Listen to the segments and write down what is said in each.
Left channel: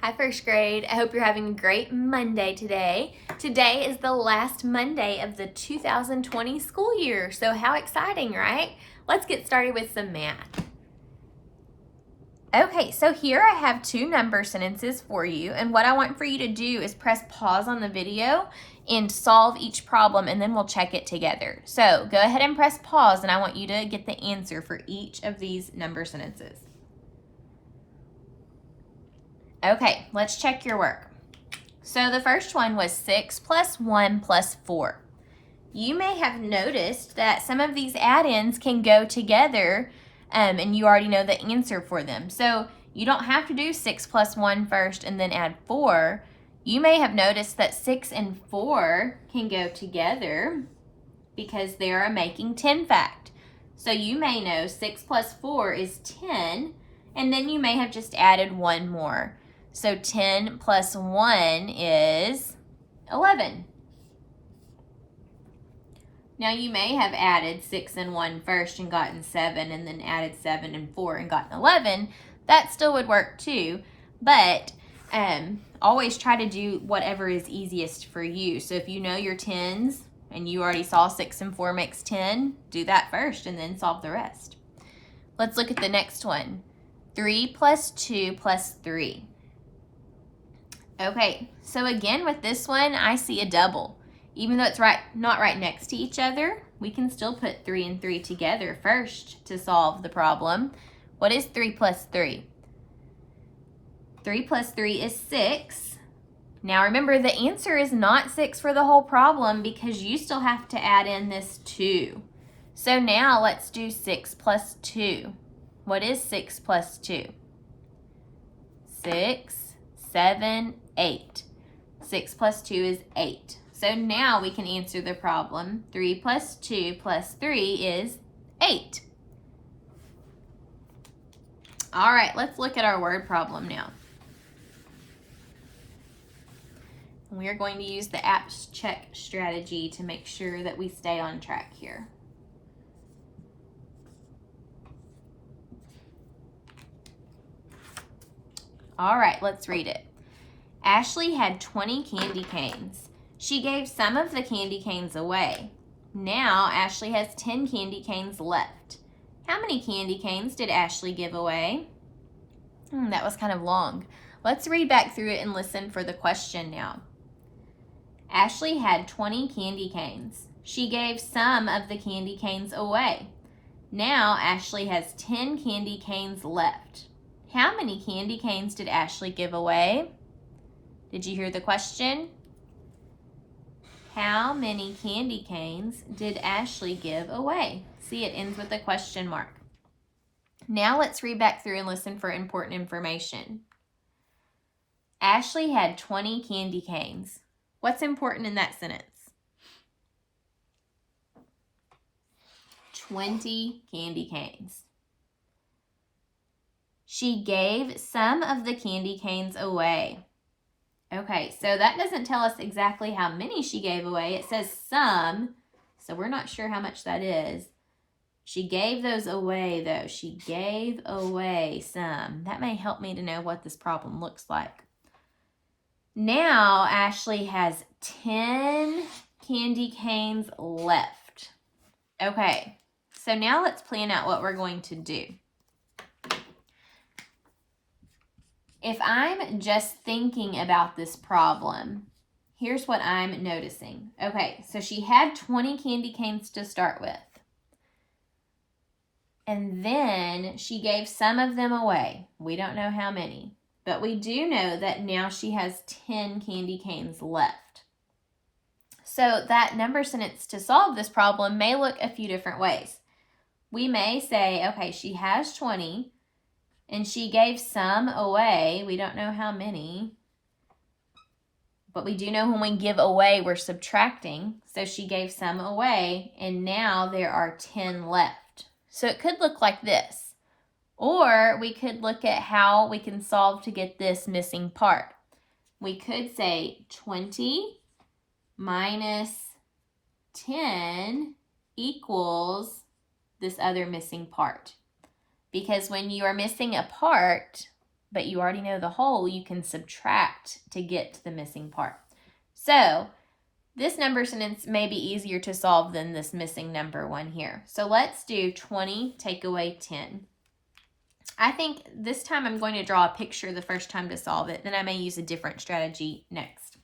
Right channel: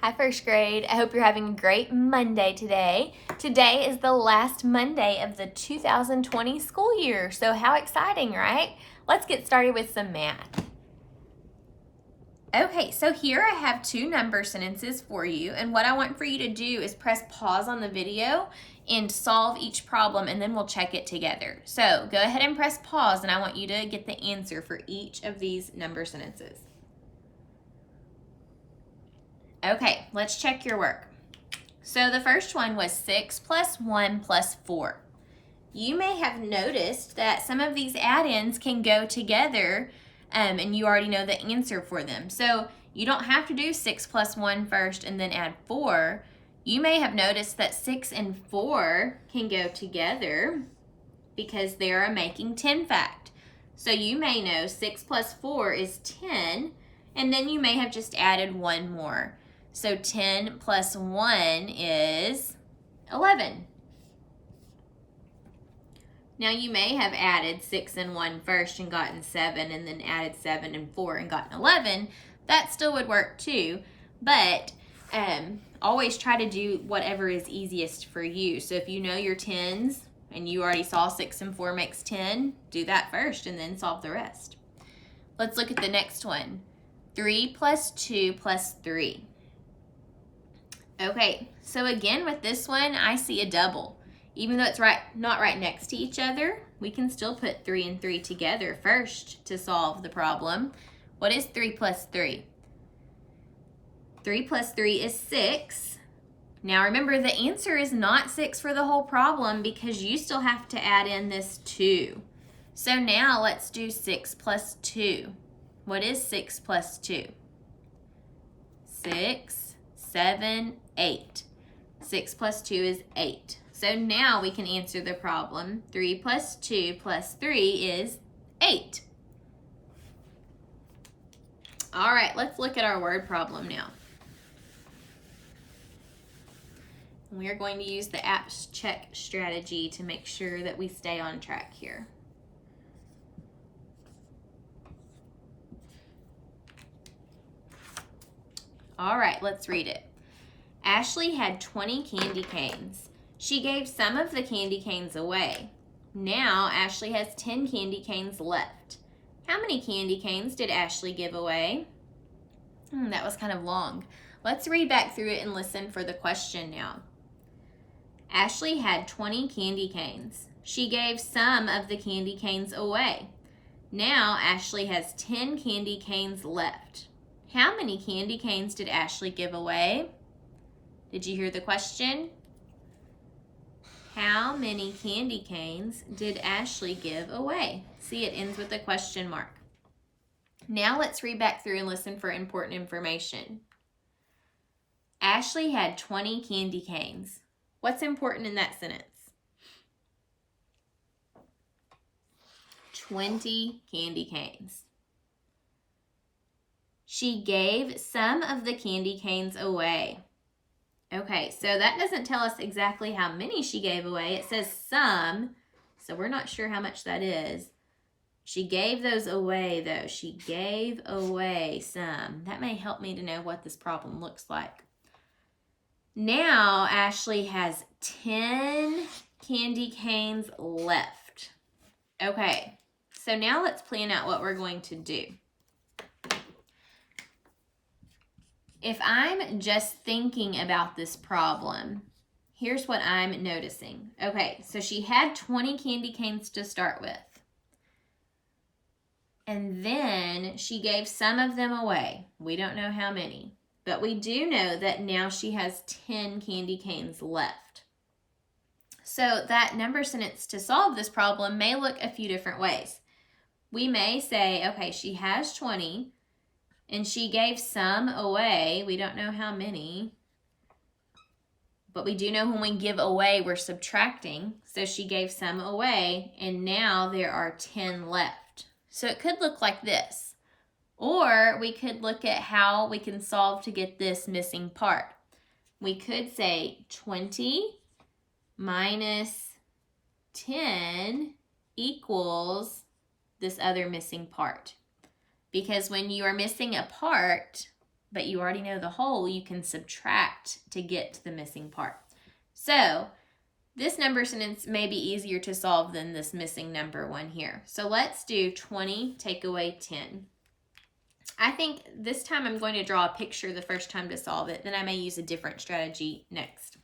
Hi, first grade. I hope you're having a great Monday today. Today is the last Monday of the 2020 school year, so how exciting, right? Let's get started with some math. Okay, so here I have two number sentences for you, and what I want for you to do is press pause on the video and solve each problem, and then we'll check it together. So go ahead and press pause, and I want you to get the answer for each of these number sentences. Okay, let's check your work. So the first one was 6 plus 1 plus 4. You may have noticed that some of these add-ins can go together, and you already know the answer for them. So you don't have to do 6 plus 1 first and then add 4. You may have noticed that 6 and 4 can go together because they are a making 10 fact. So you may know 6 plus 4 is 10, and then you may have just added one more. So 10 plus 1 is 11. Now you may have added 6 and 1 first and gotten 7, and then added 7 and 4 and gotten 11. That still would work too, but always try to do whatever is easiest for you. So if you know your tens and you already saw 6 and 4 makes 10, do that first and then solve the rest. Let's look at the next one. 3 plus 2 plus 3. Okay, so again with this one, I see a double. Even though it's not right next to each other, we can still put 3 and 3 together first to solve the problem. What is 3 plus 3? 3 plus 3 is 6. Now remember, the answer is not 6 for the whole problem because you still have to add in this 2. So now let's do 6 plus 2. What is 6 plus 2? 6, 7, 8. 6 plus 2 is 8. So now we can answer the problem. 3 plus 2 plus 3 is 8. All right, let's look at our word problem now. We are going to use the apps check strategy to make sure that we stay on track here. All right, let's read it. Ashley had 20 candy canes. She gave some of the candy canes away. Now Ashley has 10 candy canes left. How many candy canes did Ashley give away? That was kind of long. Let's read back through it and listen for the question now. Ashley had 20 candy canes. She gave some of the candy canes away. Now Ashley has 10 candy canes left. How many candy canes did Ashley give away? Did you hear the question? How many candy canes did Ashley give away? See, it ends with a question mark. Now let's read back through and listen for important information. Ashley had 20 candy canes. What's important in that sentence? 20 candy canes. She gave some of the candy canes away. Okay, so that doesn't tell us exactly how many she gave away. It says some, so we're not sure how much that is. She gave those away, though. She gave away some. That may help me to know what this problem looks like. Now, Ashley has 10 candy canes left. Okay, so now let's plan out what we're going to do. If I'm just thinking about this problem, here's what I'm noticing. Okay, so she had 20 candy canes to start with. And then she gave some of them away. We don't know how many, but we do know that now she has 10 candy canes left. So that number sentence to solve this problem may look a few different ways. We may say, okay, she has 20, and she gave some away. We don't know how many, but we do know when we give away, we're subtracting. So she gave some away, and now there are 10 left. So it could look like this. Or we could look at how we can solve to get this missing part. We could say 20 minus 10 equals this other missing part. Because when you are missing a part, but you already know the whole, you can subtract to get to the missing part. So this number sentence may be easier to solve than this missing number one here. So let's do 20 take away 10. I think this time I'm going to draw a picture the first time to solve it. Then I may use a different strategy next.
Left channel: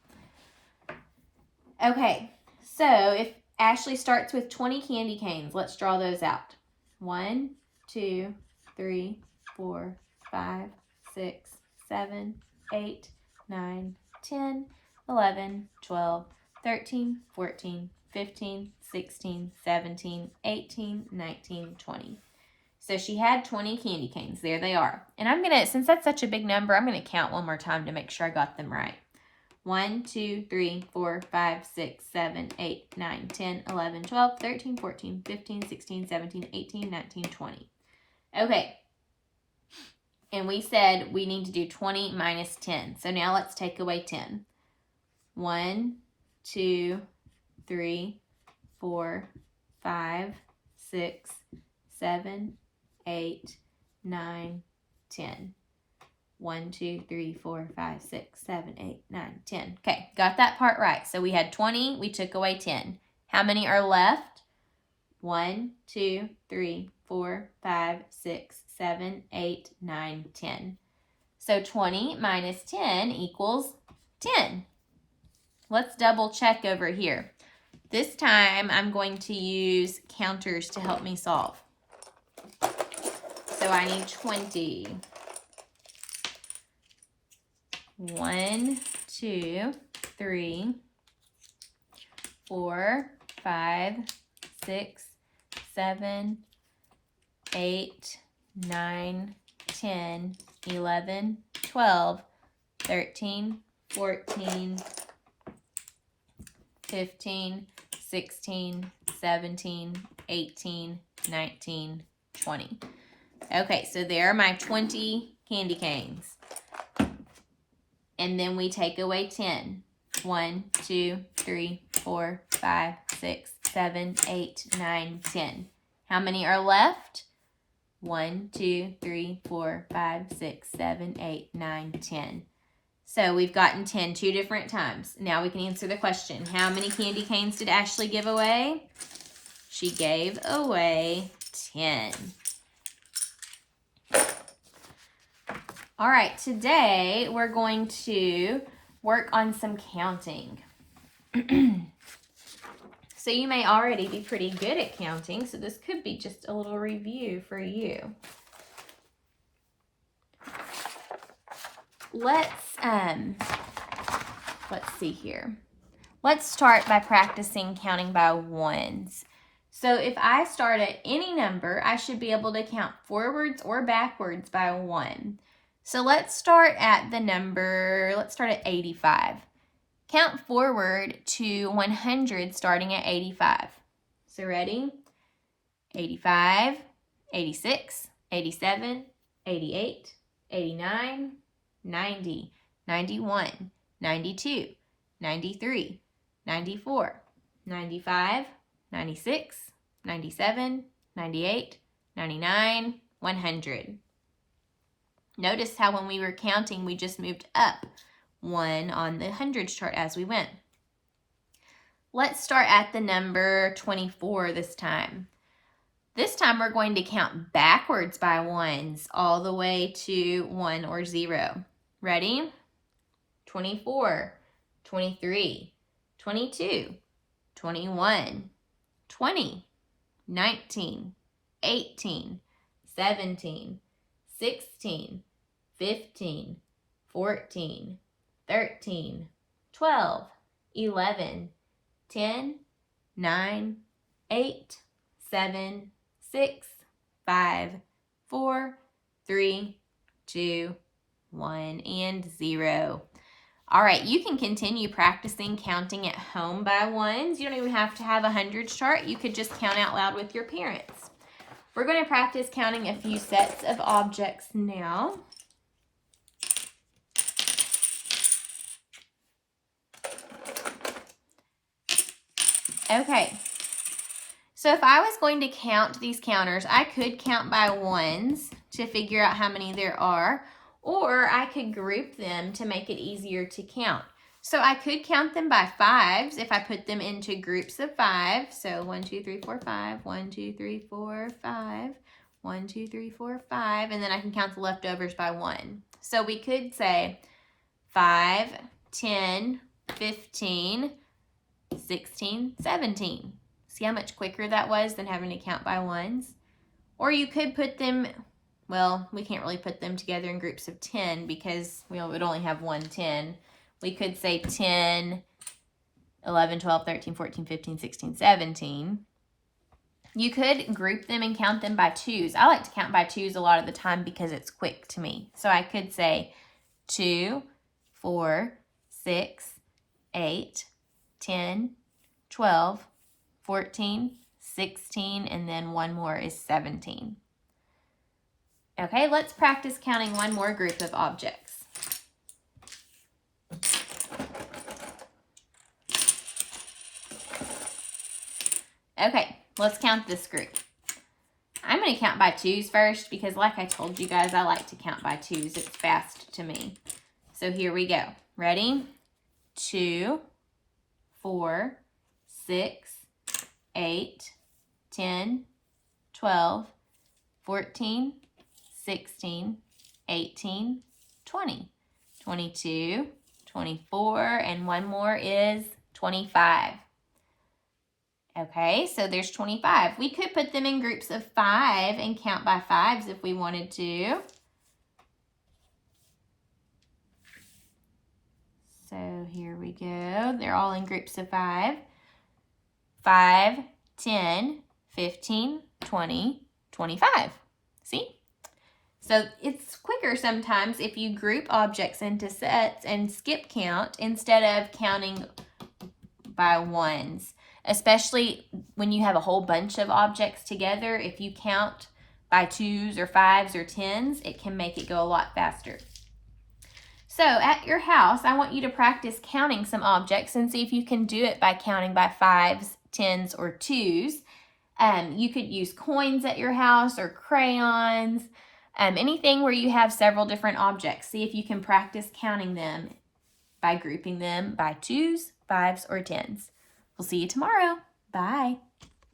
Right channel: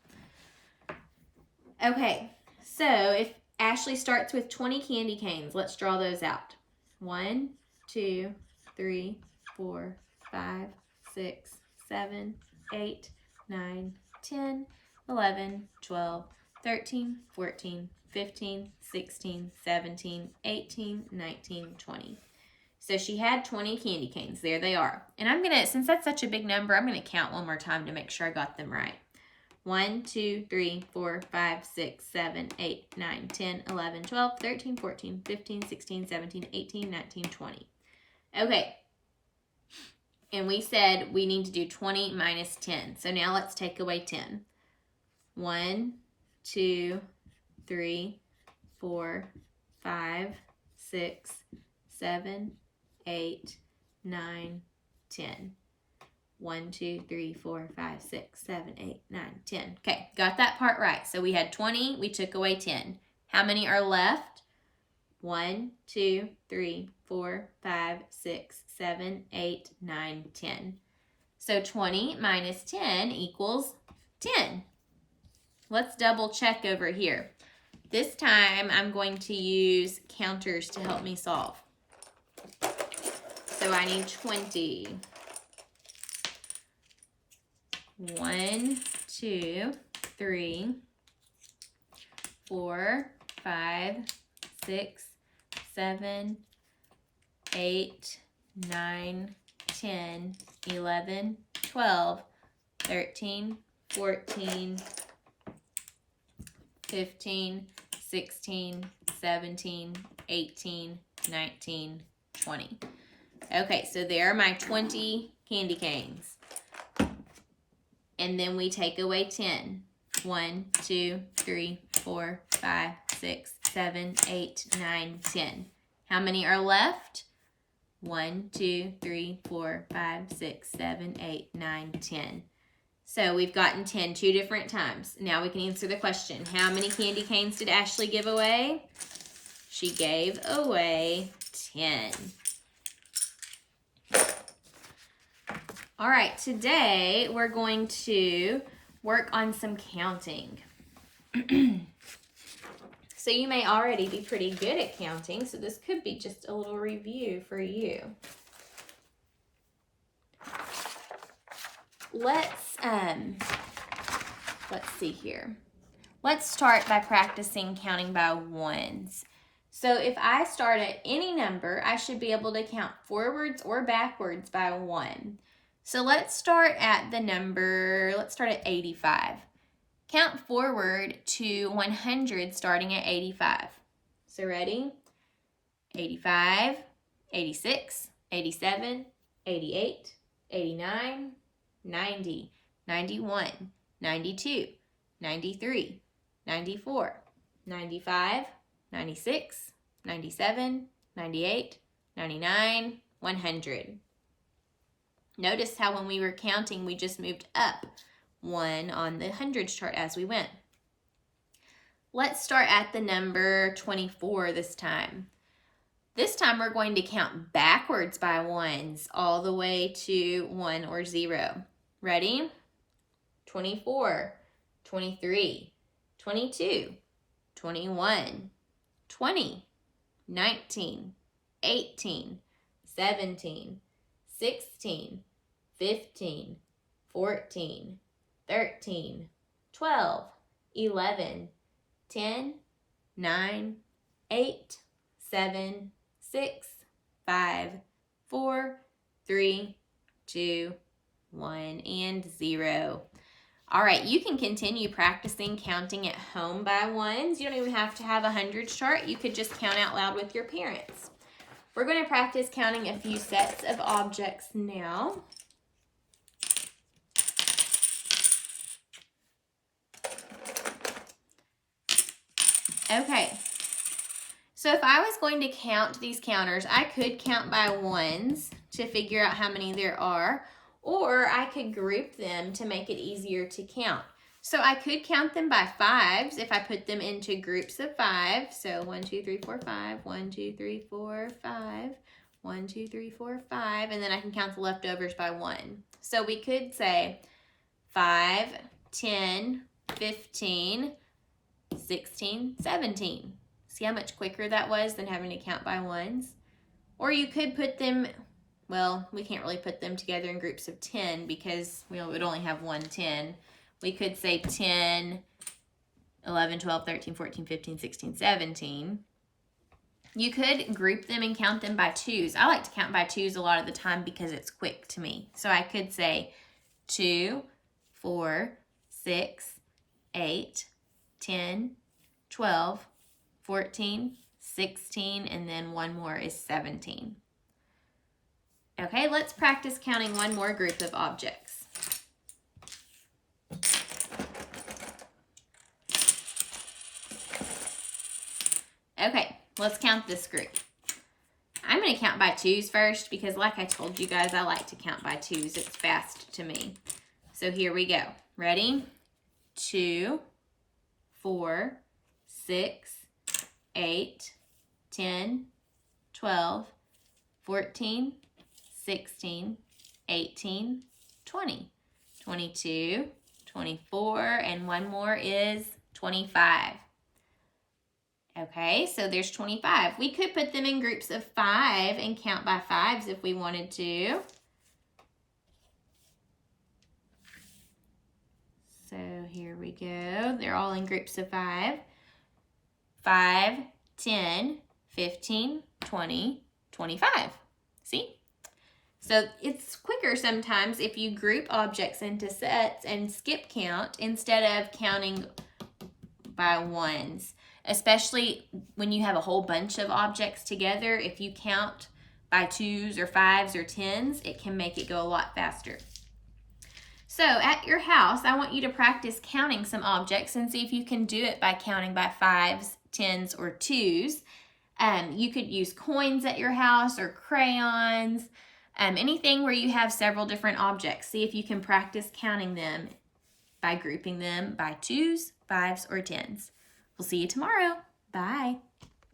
Okay, so if Ashley starts with 20 candy canes, let's draw those out. 1, 2, 3, 4, 5, 6, 7, 8, 9, 10, 11, 12, 13, 14, 15, 16, 17, 18, 19, 20. So she had 20 candy canes. There they are. And I'm going to, since that's such a big number, I'm going to count one more time to make sure I got them right. 1, 2, 3, 4, 5, 6, 7, 8, 9, 10, 11, 12, 13, 14, 15, 16, 17, 18, 19, 20. Okay. And we said we need to do 20 minus 10. So now let's take away 10. 1, 2, 3, 4, 5, 6, 7, 8, 9, 10. 1, 2, 3, 4, 5, 6, 7, 8, 9, 10. Okay, got that part right. So we had 20, we took away 10. How many are left? 1, 2, 3, 4, 5, 6, 7, 8, 9, 10. So 20 minus 10 equals 10. Let's double check over here. This time I'm going to use counters to help me solve. So I need 20. 1, 2, 3, 4, 5, 6, 7, 8, 9, 10, 11, 12, 13, 14, 15, 16, 17, 18, 19, 20. Okay, so there are my 20 candy canes. And then we take away 10. 1, 2, 3, 4, 5, 6, 7, 8, 9, 10. How many are left? 1, 2, 3, 4, 5, 6, 7, 8, 9, 10. So we've gotten 10 two different times. Now we can answer the question. How many candy canes did Ashley give away? She gave away 10. All right, today we're going to work on some counting. So you may already be pretty good at counting, so this could be just a little review for you. Let's see here. Let's start by practicing counting by ones. So if I start at any number, I should be able to count forwards or backwards by 1. So let's start at the number, let's start at 85. Count forward to 100 starting at 85. So ready? 85, 86, 87, 88, 89, 90, 91, 92, 93, 94, 95, 96, 97, 98, 99, 100. Notice how when we were counting, we just moved up 1 on the hundreds chart as we went. Let's start at the number 24 this time. This time we're going to count backwards by ones all the way to 1 or 0. Ready? 24, 23, 22, 21, 20, 19, 18, 17, 16, 15, 14, 13, 12, 11, 10, 9, 8, 7, 6, 5, 4, 3, 2, 1, and 0. All right, you can continue practicing counting at home by ones. You don't even have to have a hundreds chart. You could just count out loud with your parents. We're going to practice counting a few sets of objects now. Okay, so if I was going to count these counters, I could count by ones to figure out how many there are, Or I could group them to make it easier to count. So I could count them by fives if I put them into groups of 5. So 1, 2, 3, 4, 5. 1, 2, 3, 4, 5. 1, 2, 3, 4, 5. And then I can count the leftovers by 1. So we could say 5, 10, 15, 16, 17. See how much quicker that was than having to count by ones? Or you could put them, well, we can't really put them together in groups of 10 because we would only have 1 10. We could say 10, 11, 12, 13, 14, 15, 16, 17. You could group them and count them by twos. I like to count by twos a lot of the time because it's quick to me. So I could say 2, 4, 6, 8, 10, 12, 14, 16, and then one more is 17. Okay, let's practice counting one more group of objects. Okay, let's count this group. I'm going to count by twos first because like I told you guys, I like to count by twos. It's fast to me. So here we go. Ready? 2, 4, 6, 8, 10, 12, 14, 16, 18, 20, 22, 24, and one more is 25. Okay, so there's 25. We could put them in groups of 5 and count by fives if we wanted to. So here we go. They're all in groups of 5. 5, 10, 15, 20, 25. See? So it's quicker sometimes if you group objects into sets and skip count instead of counting by ones. Especially when you have a whole bunch of objects together, if you count by twos or fives or tens, it can make it go a lot faster. So at your house, I want you to practice counting some objects and see if you can do it by counting by fives, tens, or twos. You could use coins at your house or crayons, anything where you have several different objects. See if you can practice counting them by grouping them by twos, fives, or tens. We'll see you tomorrow. Bye.